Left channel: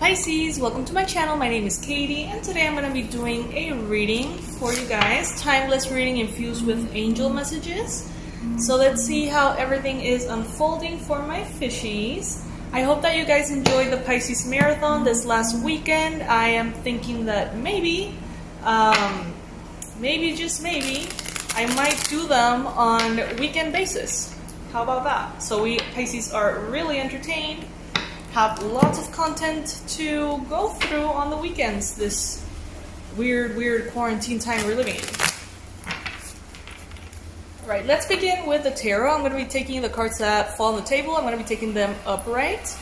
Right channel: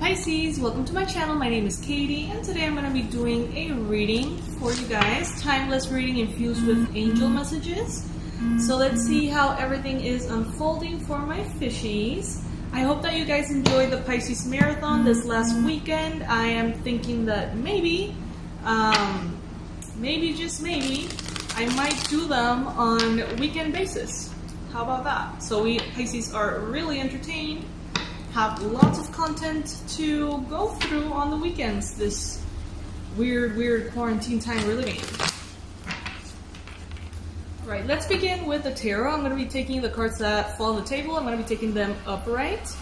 Pisces, welcome to my channel. My name is Katie and today I'm going to be doing a reading for you guys. Timeless reading infused with angel messages. So let's see how everything is unfolding for my fishies. I hope that you guys enjoyed the Pisces marathon this last weekend. I am thinking that maybe just maybe, I might do them on weekend basis. How about that? So we Pisces are really entertained. Have lots of content to go through on the weekends, this weird quarantine time we're living in. Alright, let's begin with the tarot. I'm going to be taking the cards that fall on the table. I'm going to be taking them upright.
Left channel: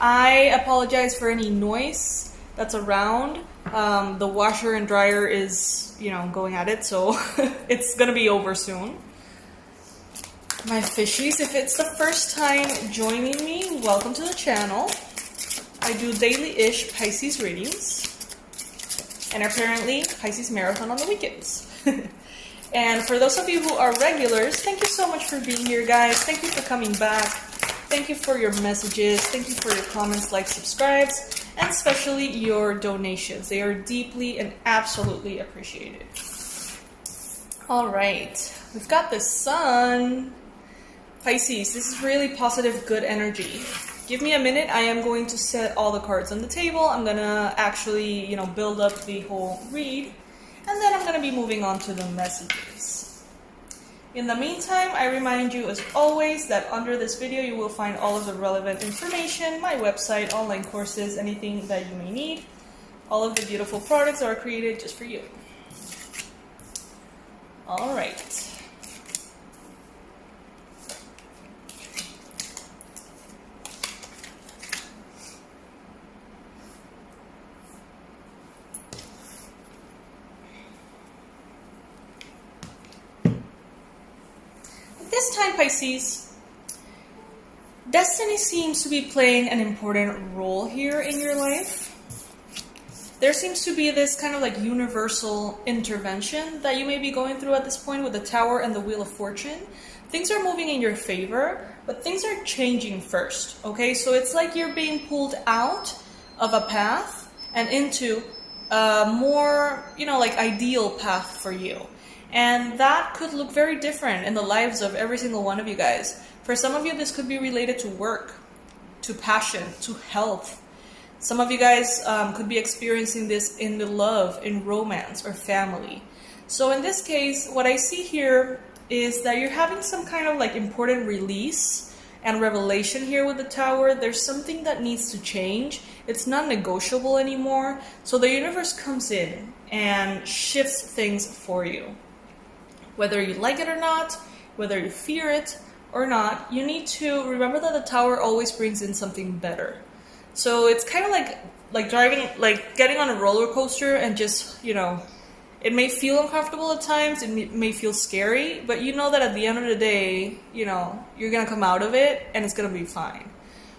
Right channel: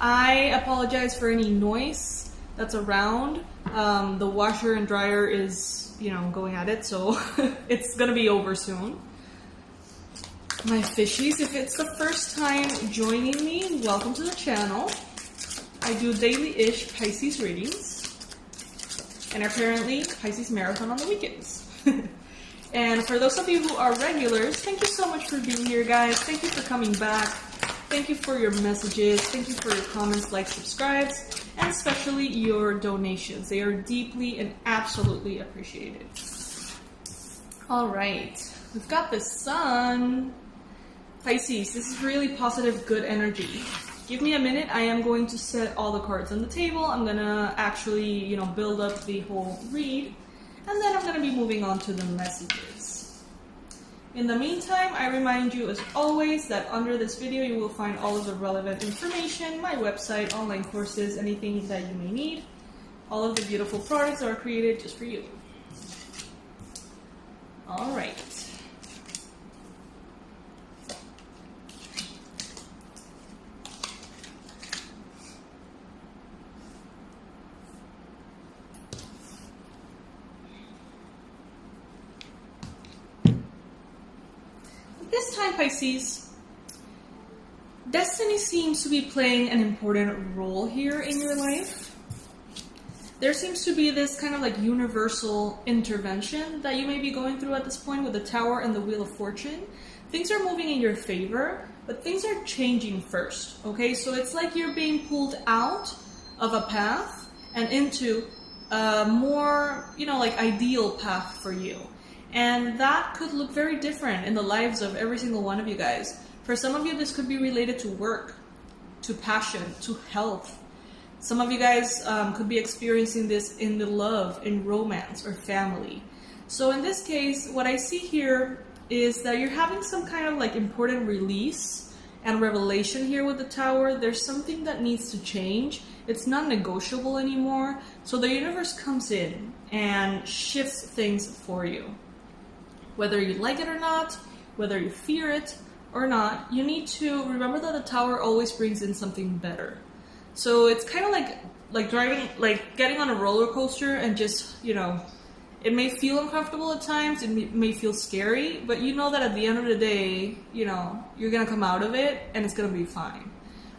I apologize for any noise that's around. The washer and dryer is, going at it, so it's going to be over soon. My fishies, if it's the first time joining me, welcome to the channel. I do daily-ish Pisces readings, and apparently Pisces marathon on the weekends. And for those of you who are regulars, thank you so much for being here, guys. Thank you for coming back. Thank you for your messages. Thank you for your comments, likes, subscribes, and especially your donations. They are deeply and absolutely appreciated. All right, we've got the sun. Pisces, this is really positive, good energy. Give me a minute. I am going to set all the cards on the table. I'm going to actually, build up the whole read. And then I'm going to be moving on to the messages. In the meantime, I remind you, as always, that under this video you will find all of the relevant information, my website, online courses, anything that you may need. All of the beautiful products are created just for you. All right. This time, Pisces, destiny seems to be playing an important role here in your life. There seems to be this kind of like universal intervention that you may be going through at this point with the Tower and the Wheel of Fortune. Things are moving in your favor, but things are changing first, okay? So it's like you're being pulled out of a path and into a more, ideal path for you. And that could look very different in the lives of every single one of you guys. For some of you, this could be related to work, to passion, to health. Some of you guys could be experiencing this in the love, in romance, or family. So in this case, what I see here is that you're having some kind of important release and revelation here with the Tower. There's something that needs to change. It's not negotiable anymore. So the universe comes in and shifts things for you. Whether you like it or not, whether you fear it or not, you need to remember that the Tower always brings in something better. So it's kind of like driving, getting on a roller coaster and just, it may feel uncomfortable at times, it may feel scary, but you know that at the end of the day, you're going to come out of it and it's going to be fine.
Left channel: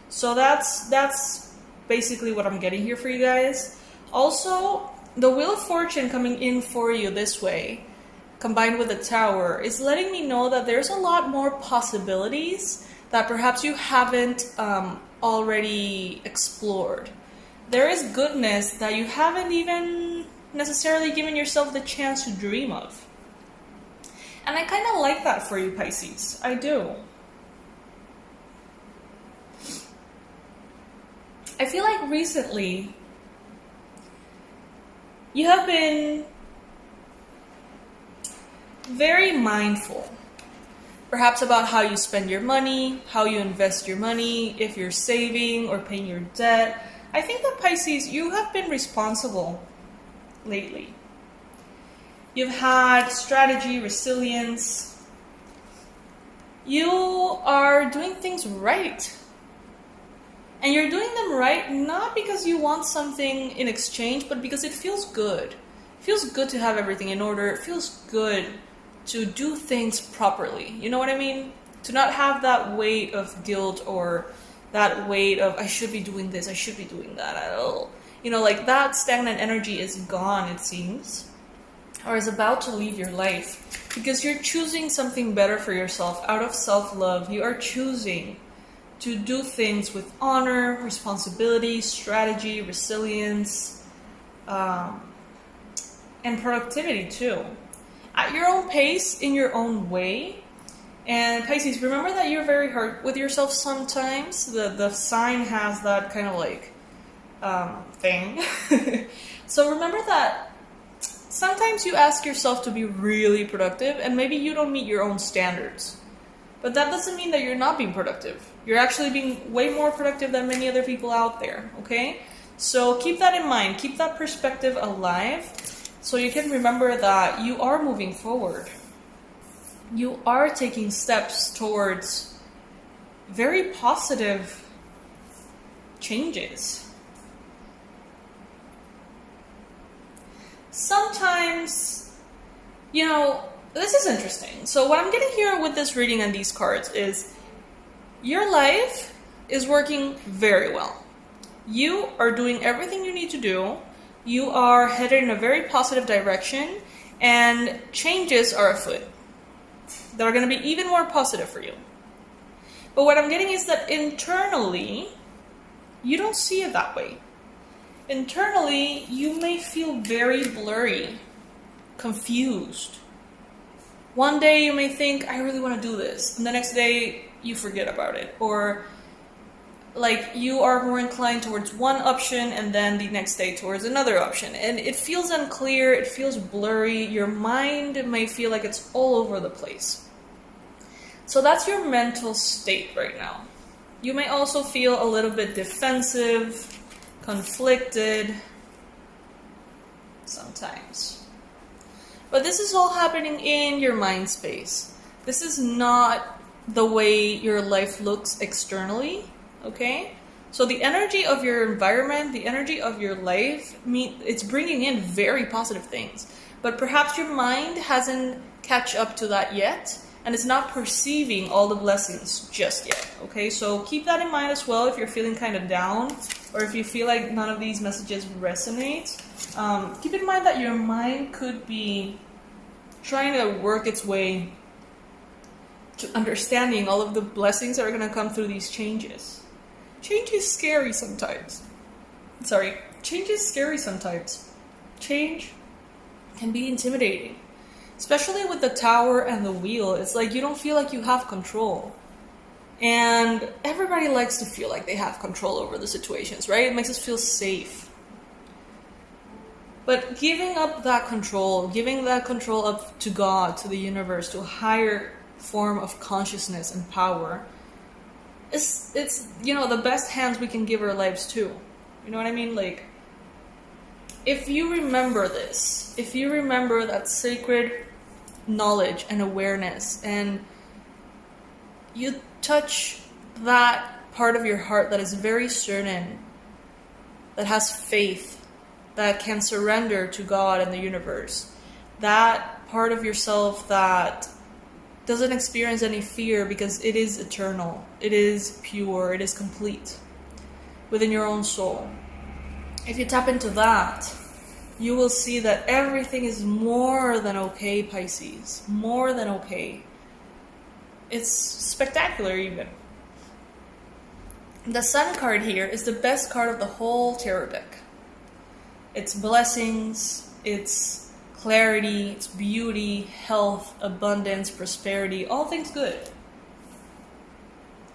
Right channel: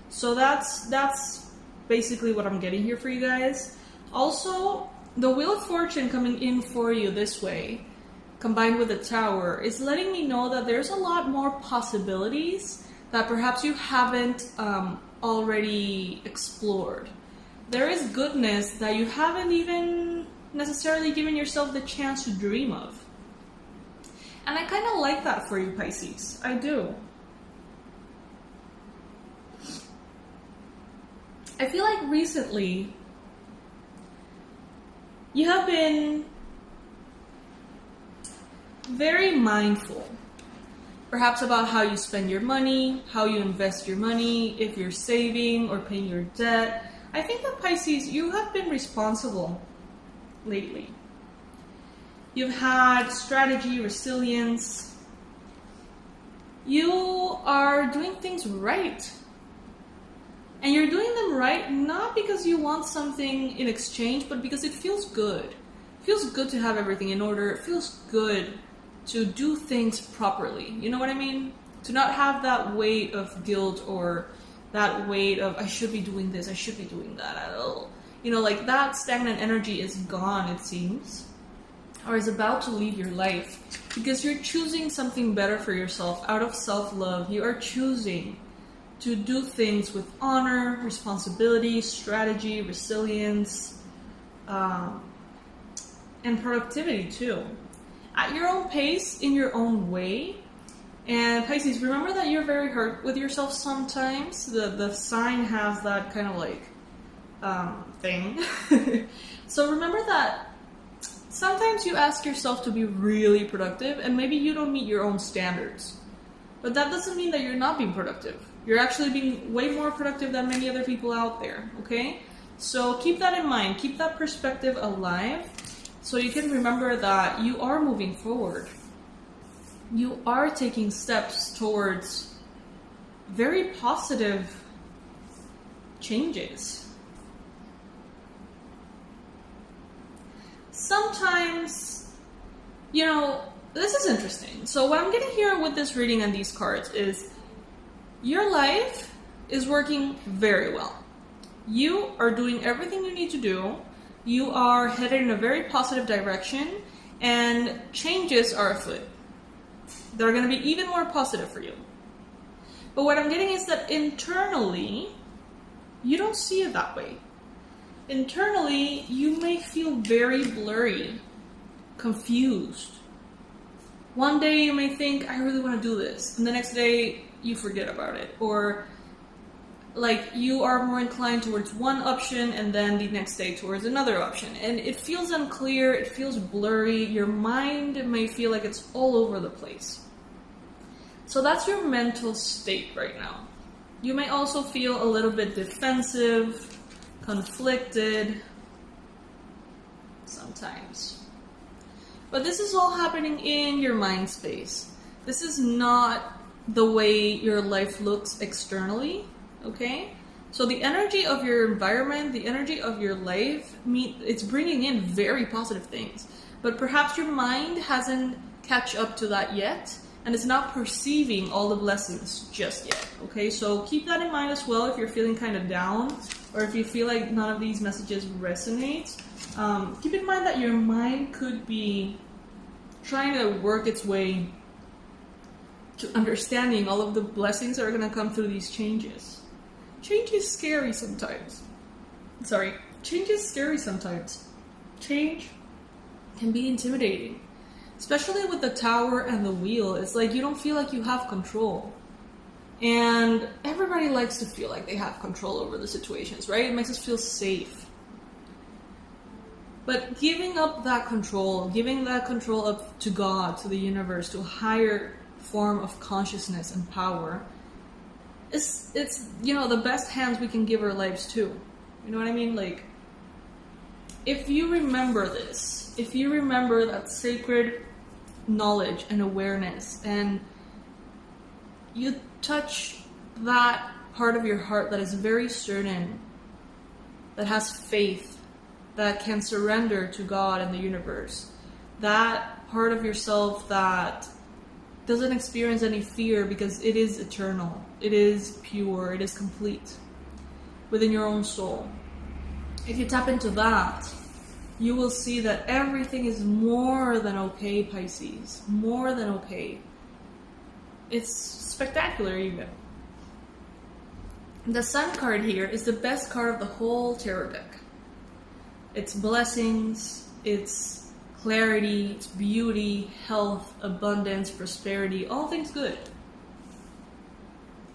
So that's basically what I'm getting here for you guys. Also, the Wheel of Fortune coming in for you this way, combined with the Tower, is letting me know that there's a lot more possibilities that perhaps you haven't already explored. There is goodness that you haven't even necessarily given yourself the chance to dream of. And I kind of like that for you, Pisces. I do. I feel like recently you have been very mindful, perhaps about how you spend your money, how you invest your money, if you're saving or paying your debt. I think that, Pisces, you have been responsible lately. You've had strategy, resilience. You are doing things right. And you're doing them right not because you want something in exchange, but because it feels good. It feels good to have everything in order. It feels good to do things properly. You know what I mean? To not have that weight of guilt or that weight of, I should be doing this, I should be doing that. That stagnant energy is gone, it seems, or is about to leave your life because you're choosing something better for yourself out of self-love. You are choosing to do things with honor, responsibility, strategy, resilience, and productivity too. At your own pace, in your own way. And Pisces, remember that you're very hard with yourself sometimes. The sign has that kind of like thing. So remember that sometimes you ask yourself to be really productive and maybe you don't meet your own standards. But that doesn't mean that you're not being productive. You're actually being way more productive than many other people out there, okay? So keep that in mind. Keep that perspective alive so you can remember that you are moving forward. You are taking steps towards very positive changes. Sometimes, this is interesting. So what I'm getting here with this reading and these cards is your life is working very well. You are doing everything you need to do. You are headed in a very positive direction, and changes are afoot that are going to be even more positive for you. But what I'm getting is that internally, you don't see it that way. Internally, you may feel very blurry, confused. One day you may think, I really want to do this. And the next day you forget about it. Or like you are more inclined towards one option and then the next day towards another option. And it feels unclear, it feels blurry. Your mind may feel like it's all over the place. So that's your mental state right now. You may also feel a little bit defensive, conflicted, sometimes. But this is all happening in your mind space. This is not the way your life looks externally, okay? So the energy of your environment, the energy of your life, it's bringing in very positive things. But perhaps your mind hasn't catch up to that yet, and it's not perceiving all the blessings just yet, okay? So keep that in mind as well if you're feeling kind of down, or if you feel like none of these messages resonate. Keep in mind that your mind could be trying to work its way to understanding all of the blessings that are going to come through these changes. Change is scary sometimes. Change is scary sometimes. Change can be intimidating. Especially with the Tower and the Wheel, it's like you don't feel like you have control. And everybody likes to feel like they have control over the situations, right? It makes us feel safe. But giving up that control, giving that control up to God, to the universe, to a higher form of consciousness and power, it's the best hands we can give our lives to. You know what I mean? Like, if you remember this, if you remember that sacred knowledge and awareness, and you touch that part of your heart that is very certain, that has faith, that can surrender to God and the universe, that part of yourself that doesn't experience any fear because it is eternal, it is pure, it is complete within your own soul. If you tap into that, you will see that everything is more than okay, Pisces. More than okay. It's spectacular even. The Sun card here is the best card of the whole tarot deck. It's blessings, it's clarity, it's beauty, health, abundance, prosperity, all things good.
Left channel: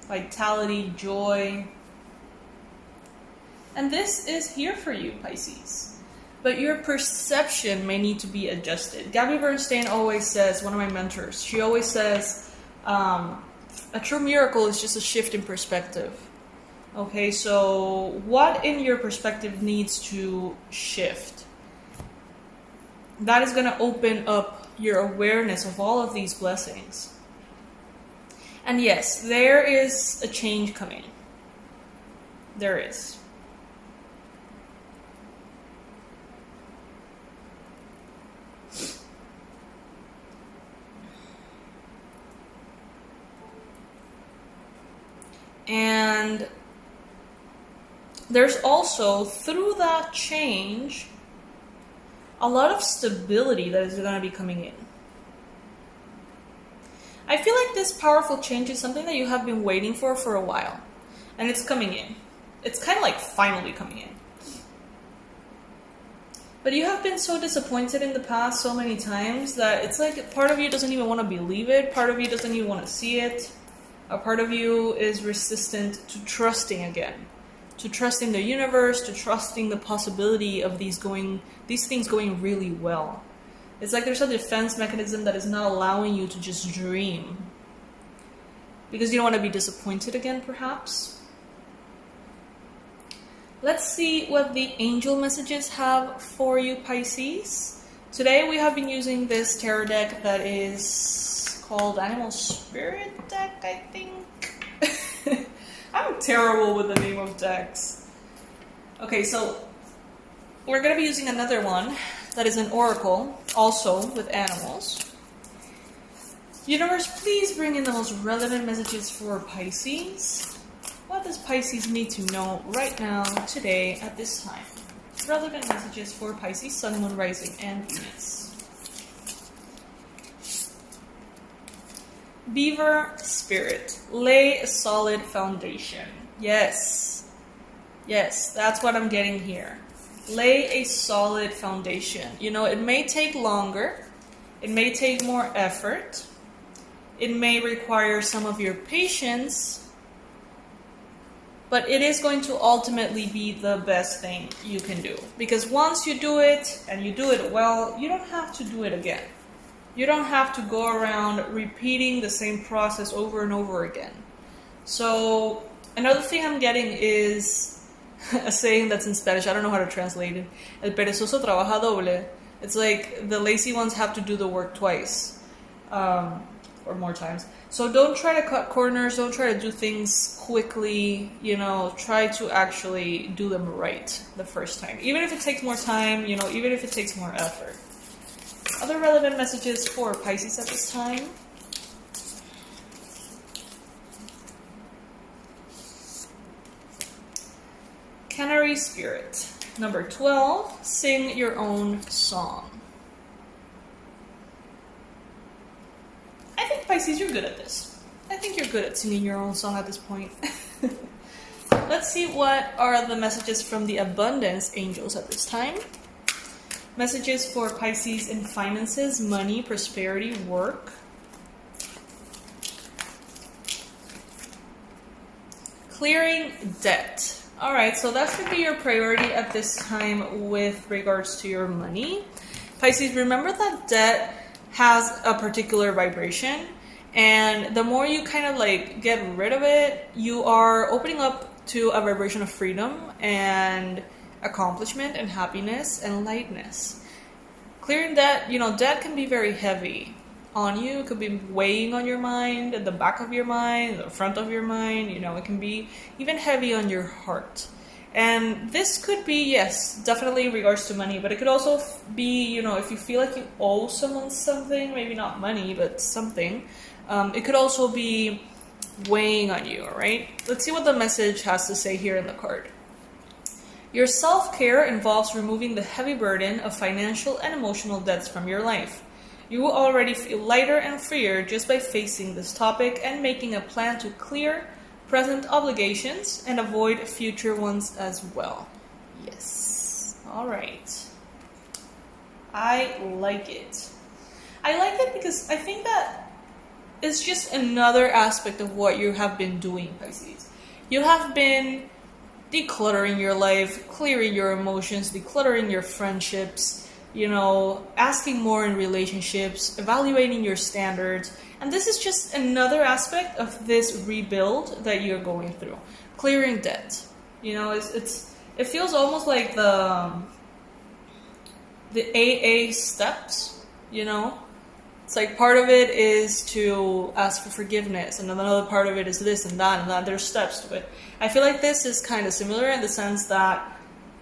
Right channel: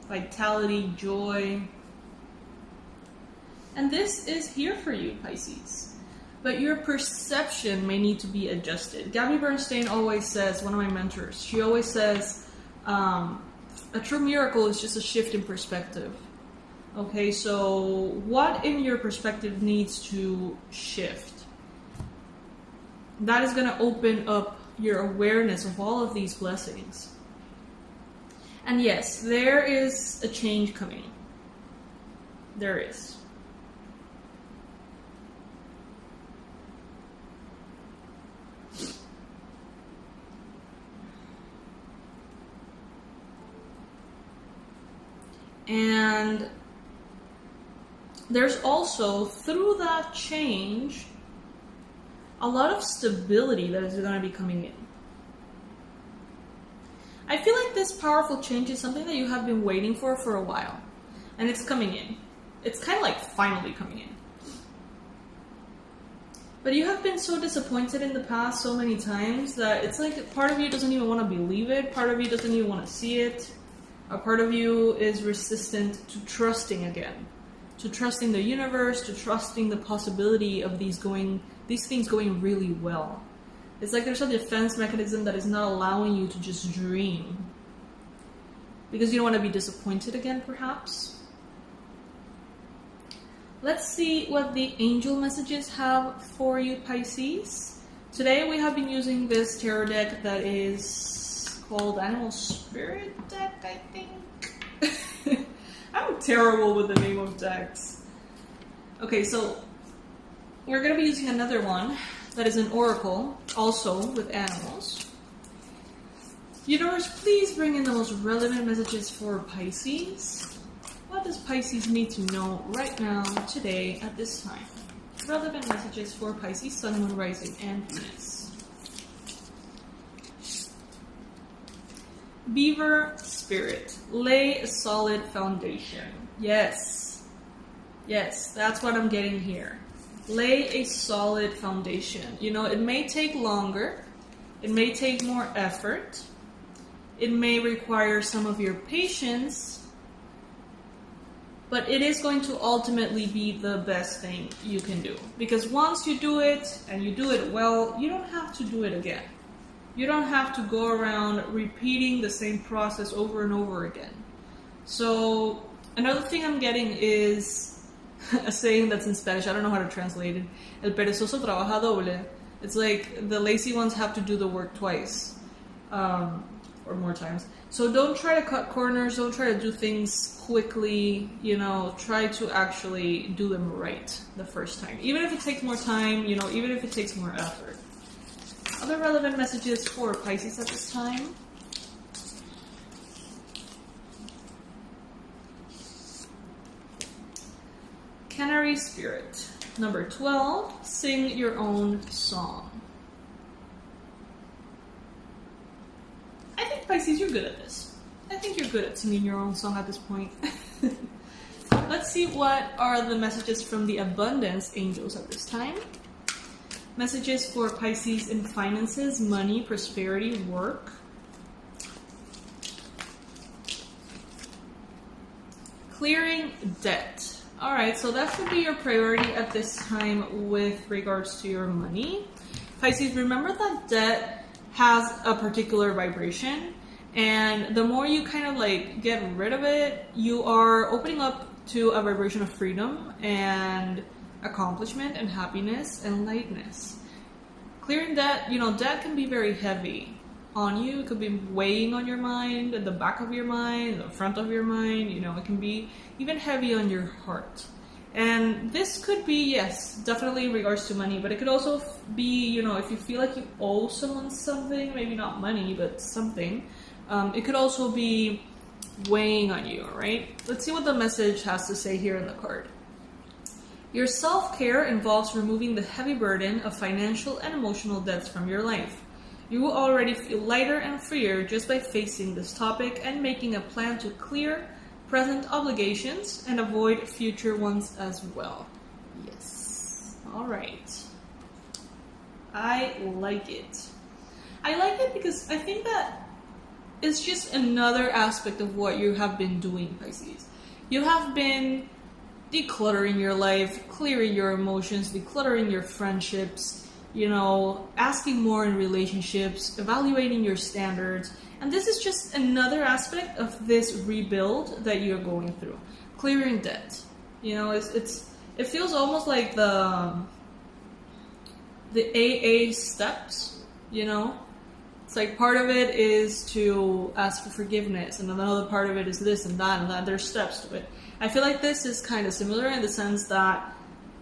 Vitality, joy. And this is here for you, Pisces. But your perception may need to be adjusted. Gabby Bernstein always says, one of my mentors, she always says, a true miracle is just a shift in perspective. Okay, so what in your perspective needs to shift? That is going to open up your awareness of all of these blessings. And yes, there is a change coming. There is. And there's also, through that change, a lot of stability that is going to be coming in. I feel like this powerful change is something that you have been waiting for a while. And it's coming in. It's kind of like finally coming in. But you have been so disappointed in the past so many times that it's like part of you doesn't even want to believe it. Part of you doesn't even want to see it. A part of you is resistant to trusting again. To trusting the universe, to trusting the possibility of these things going really well. It's like there's a defense mechanism that is not allowing you to just dream. Because you don't want to be disappointed again, perhaps. Let's see what the angel messages have for you, Pisces. Today we have been using this tarot deck that is called Animal Spirit deck, I think. I'm terrible with the name of decks. Okay, so we're going to be using another one that is an oracle, also with animals. Universe, please bring in the most relevant messages for Pisces. What does Pisces need to know right now, today, at this time? Relevant messages for Pisces, Sun, Moon, Rising, and Venus. Beaver Spirit, lay a solid foundation. Yes. Yes, that's what I'm getting here. Lay a solid foundation. You know, it may take longer. It may take more effort. It may require some of your patience. But it is going to ultimately be the best thing you can do. Because once you do it, and you do it well, you don't have to do it again. You don't have to go around repeating the same process over and over again. So, another thing I'm getting is a saying that's in Spanish. I don't know how to translate it. El perezoso trabaja doble. It's like the lazy ones have to do the work twice. Or more times. So don't try to cut corners, don't try to do things quickly, you know, try to actually do them right the first time. Even if it takes more time, you know, even if it takes more effort. Other relevant messages for Pisces at this time. Canary Spirit. Number 12, sing your own song. I think, Pisces, you're good at this. I think you're good at singing your own song at this point. Let's see what are the messages from the abundance angels at this time. Messages for Pisces in finances, money, prosperity, work. Clearing debt. Alright, so that should be your priority at this time with regards to your money. Pisces, remember that debt has a particular vibration, and the more you kind of like get rid of it, you are opening up to a vibration of freedom and accomplishment and happiness and lightness. Clearing debt, you know, debt can be very heavy on you. It could be weighing on your mind, at the back of your mind, the front of your mind, you know, it can be even heavy on your heart. And this could be, yes, definitely in regards to money, but it could also be, you know, if you feel like you owe someone something, maybe not money, but something, it could also be weighing on you, all right? Let's see what the message has to say here in the card. Your self-care involves removing the heavy burden of financial and emotional debts from your life. You will already feel lighter and freer just by facing this topic and making a plan to clear present obligations and avoid future ones as well. Yes. All right. I like it. I like it because I think that it's just another aspect of what you have been doing, Pisces. You have been decluttering your life, clearing your emotions, decluttering your friendships, you know, asking more in relationships, evaluating your standards. And this is just another aspect of this rebuild that you're going through. Clearing debt. You know, it feels almost like the AA steps, you know? It's like part of it is to ask for forgiveness, and another part of it is this and that. There's steps to it. I feel like this is kind of similar in the sense that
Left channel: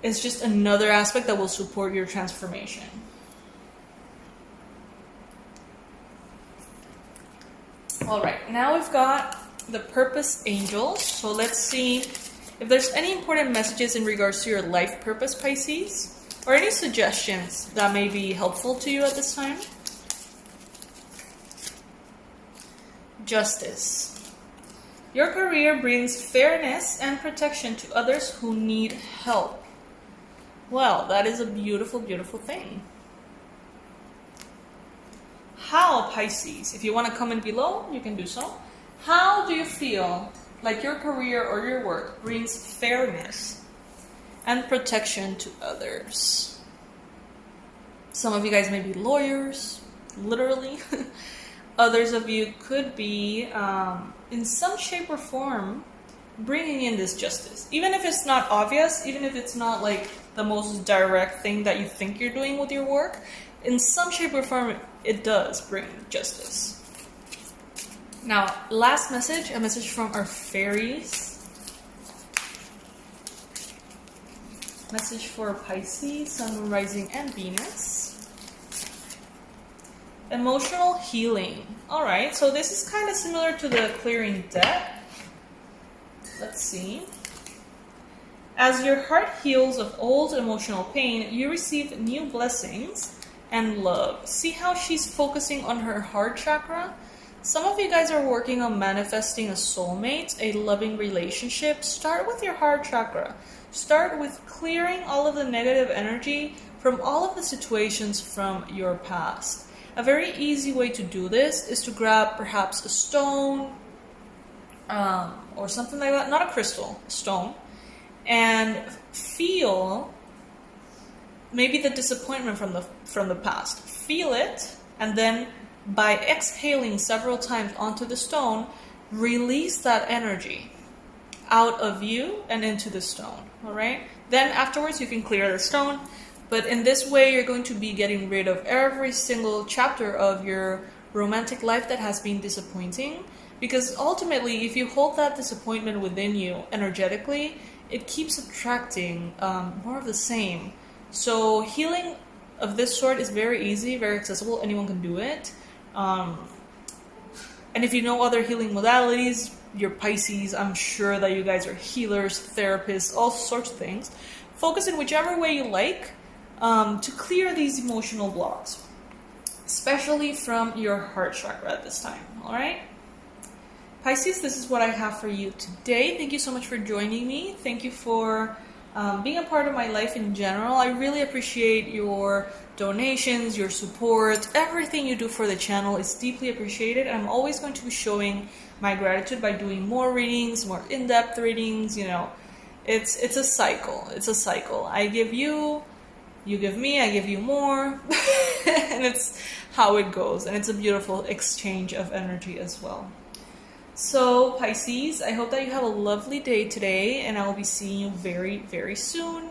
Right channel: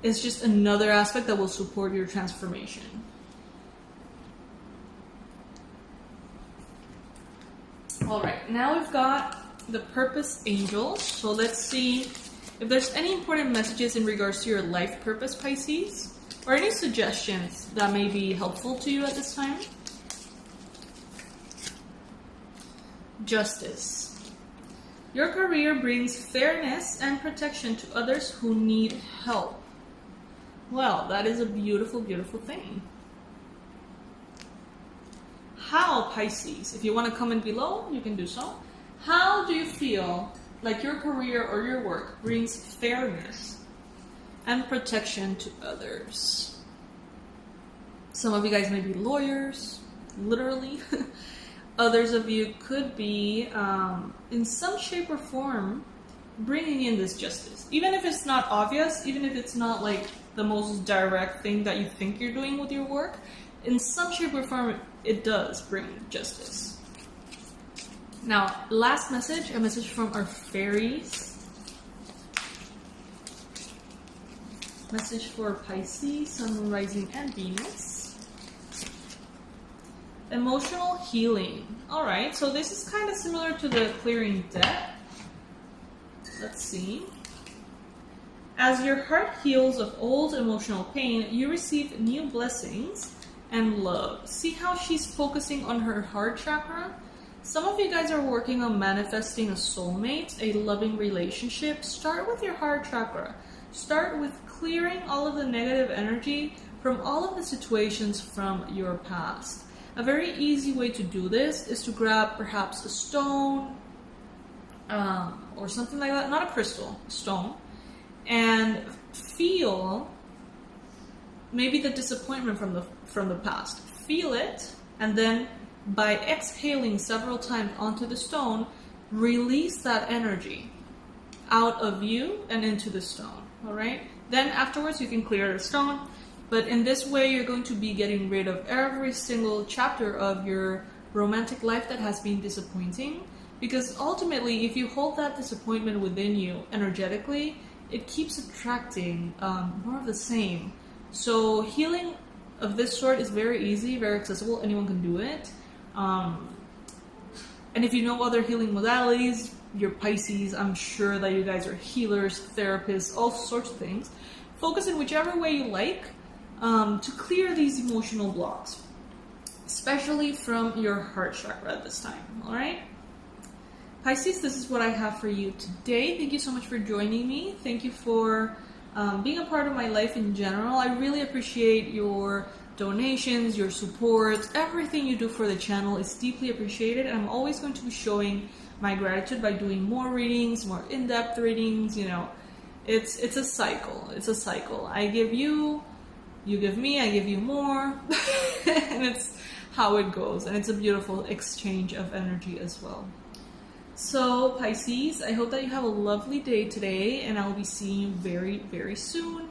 it's just another aspect that will support your transformation. All right, now we've got the purpose angels. So let's see if there's any important messages in regards to your life purpose, Pisces, or any suggestions that may be helpful to you at this time. Justice. Your career brings fairness and protection to others who need help. Well, that is a beautiful, beautiful thing. How, Pisces? If you want to comment below, you can do so. How do you feel like your career or your work brings fairness and protection to others? Some of you guys may be lawyers, literally. Others of you could be, in some shape or form, bringing in this justice. Even if it's not obvious, even if it's not like the most direct thing that you think you're doing with your work, in some shape or form, it does bring justice. Now, last message, a message from our fairies. Message for Pisces, Sun, Moon, Rising, and Venus. Emotional healing. Alright, so this is kind of similar to the clearing debt. Let's see. As your heart heals of old emotional pain, you receive new blessings and love. See how she's focusing on her heart chakra? Some of you guys are working on manifesting a soulmate, a loving relationship. Start with your heart chakra. Start with clearing all of the negative energy from all of the situations from your past. A very easy way to do this is to grab perhaps a stone or something like that, not a crystal, a stone, and feel maybe the disappointment from the past. Feel it, and then by exhaling several times onto the stone, release that energy out of you and into the stone. All right? Then afterwards you can clear the stone, but in this way you're going to be getting rid of every single chapter of your romantic life that has been disappointing, because ultimately if you hold that disappointment within you energetically, it keeps attracting more of the same. So healing of this sort is very easy, very accessible. Anyone can do it. And if you know other healing modalities, your Pisces, I'm sure that you guys are healers, therapists, all sorts of things. Focus in whichever way you like to clear these emotional blocks, especially from your heart chakra at this time. All right? Pisces, this is what I have for you today. Thank you so much for joining me. Thank you for being a part of my life in general. I really appreciate your donations, your support. Everything you do for the channel is deeply appreciated. I'm always going to be showing my gratitude by doing more readings, more in-depth readings. You know, it's a cycle. It's a cycle. I give you, you give me, I give you more. And it's how it goes. And it's a beautiful exchange of energy as well. So, Pisces, I hope that you have a lovely day today, and I will be seeing you very, very soon.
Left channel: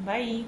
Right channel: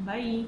Bye.